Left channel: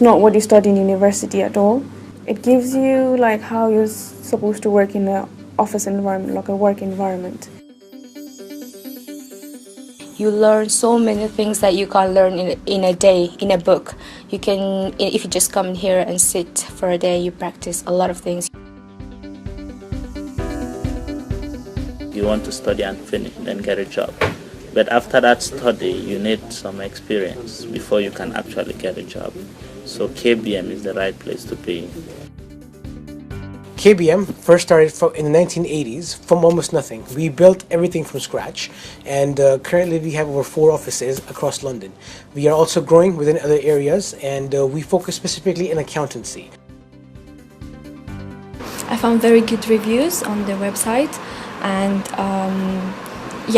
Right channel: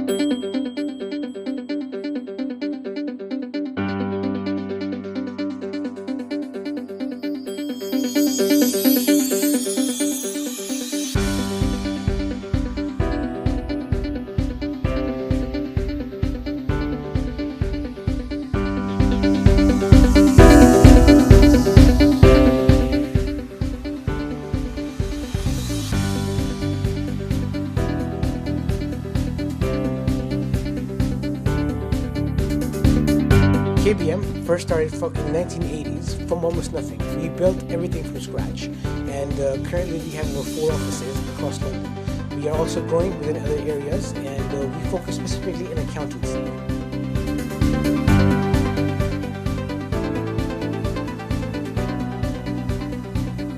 It's not what you study in university at all. It gives you like how you're supposed to work in an office environment, like a work environment. You learn so many things that you can't learn in a day, in a book. You can, if you just come here and sit for a day, you practice a lot of things. You want to study and finish, then get a job. But after that study, you need some experience before you can actually get a job. So KBM is the right place to be. KBM first started in the 1980s from almost nothing. We built everything from scratch, and currently we have over 4 offices across London. We are also growing within other areas, and we focus specifically in accountancy. I found very good reviews on the website, and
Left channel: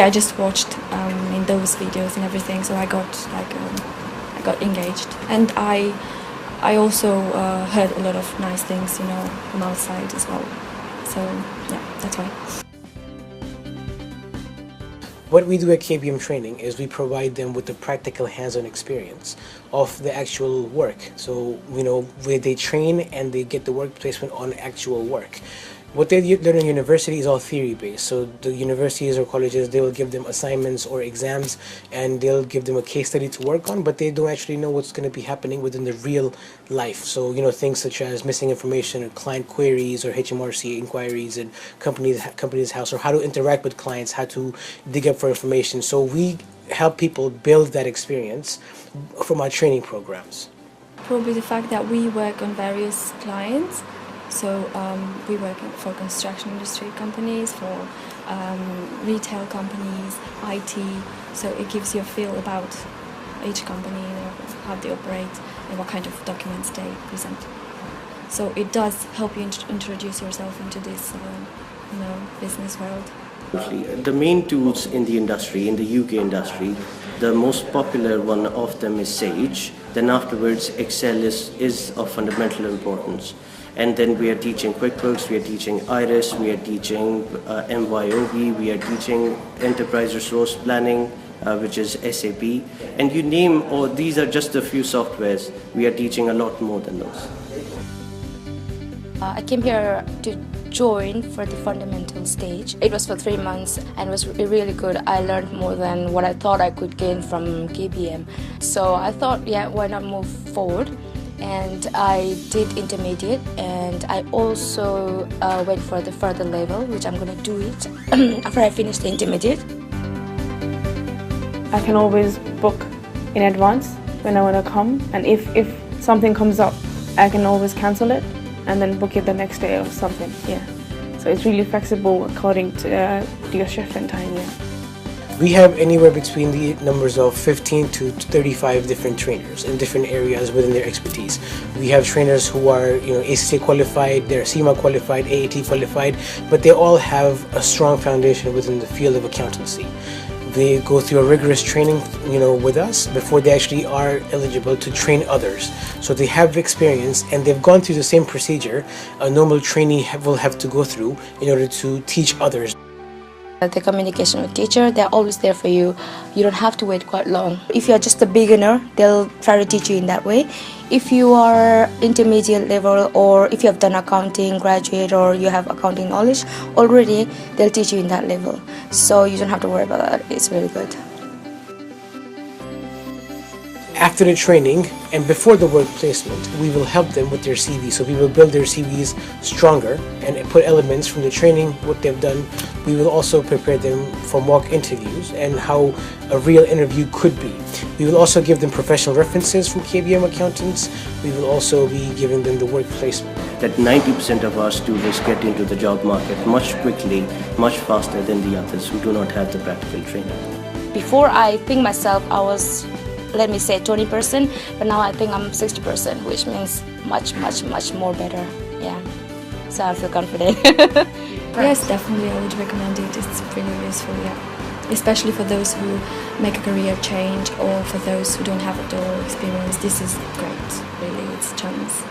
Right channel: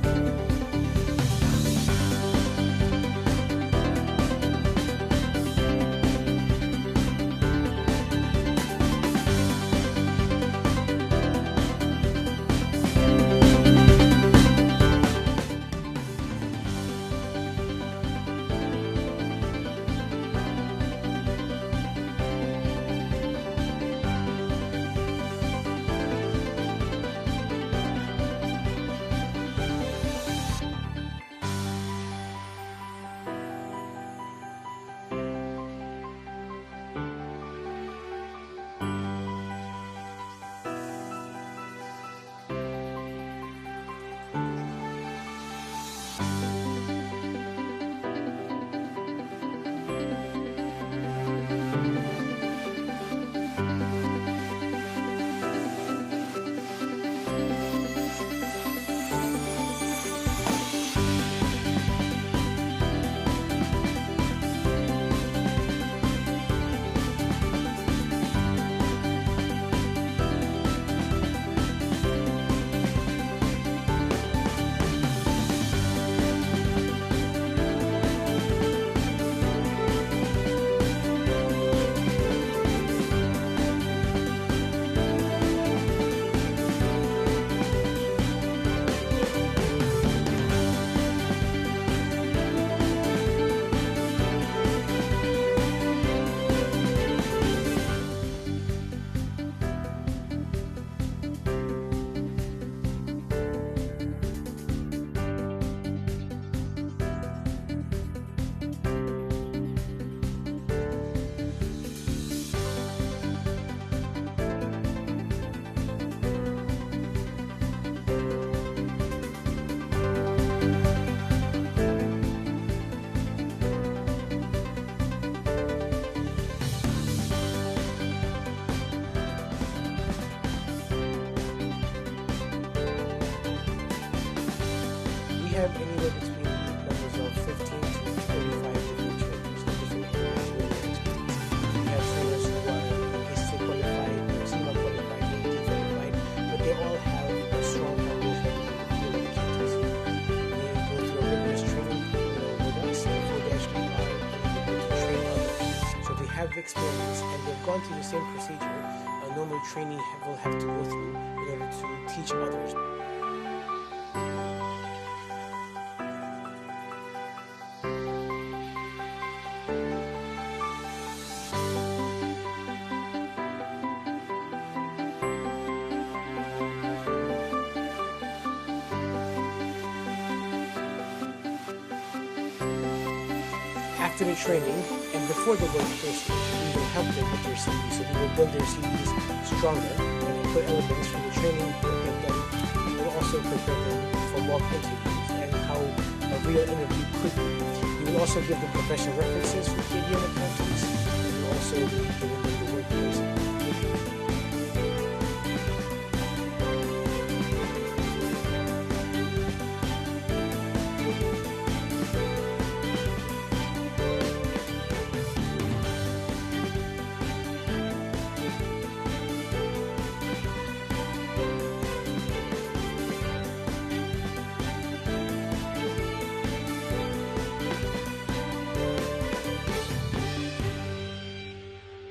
I just watched in those videos and everything, so I got engaged, and I also heard a lot of nice things, from outside as well. So yeah, that's why. What we do at KBM Training is we provide them with the practical hands-on experience of the actual work. So, where they train and they get the work placement on actual work. What they learn in university is all theory-based. So the universities or colleges, they will give them assignments or exams, and they'll give them a case study to work on, but they don't actually know what's going to be happening within the real life. So, things such as missing information or client queries or HMRC inquiries and company's house, or how to interact with clients, how to dig up for information. So we help people build that experience from our training programs. Probably the fact that we work on various clients. So we work for construction industry companies, for retail companies, IT. So it gives you a feel about each company, how they operate, and what kind of documents they present. So it does help you introduce yourself into this business world. The main tools in the industry, in the UK industry, the most popular one of them is Sage. Then afterwards, Excel is of fundamental importance. And then we are teaching QuickBooks, we are teaching Iris, we are teaching MYOB, we are teaching Enterprise Resource Planning, which is SAP. And you name, these are just a few softwares. We are teaching a lot more than this. I came here to join for the fundamental stage. It was for 3 months and it was really good. I learned more than what I thought I could gain from KBM. So I thought, why not move forward? And I did intermediate, and I also went for the further level, which I'm going to do it after I finish the intermediate. I can always book in advance when I want to come, and if something comes up, I can always cancel it and then book it the next day or something. So it's really flexible according to your shift and time. We have anywhere between the numbers of 15 to 35 different trainers in different areas within their expertise. We have trainers who are, ACCA qualified, they're CIMA qualified, AAT qualified, but they all have a strong foundation within the field of accountancy. They go through a rigorous training, with us before they actually are eligible to train others. So they have experience, and they've gone through the same procedure a normal trainee will have to go through in order to teach others. The communication with teacher, they're always there for you. You don't have to wait quite long. If you're just a beginner, they'll try to teach you in that way. If you are intermediate level, or if you have done accounting, graduate, or you have accounting knowledge already, they'll teach you in that level. So you don't have to worry about that. It's really good. After the training and before the work placement, we will help them with their CV. So we will build their CVs stronger and put elements from the training, what they've done. We will also prepare them for mock interviews and how a real interview could be. We will also give them professional references from KBM accountants. We will also be giving them the work placement. That 90% of our students get into the job market much quickly, much faster than the others who do not have the practical training. Before, I think myself I was, let me say 20%, but now I think I'm 60%, which means much more better. So I feel confident. Yes, definitely I would recommend it. It's pretty useful, especially for those who make a career change, or for those who don't have a door experience. This is great, really. It's a chance.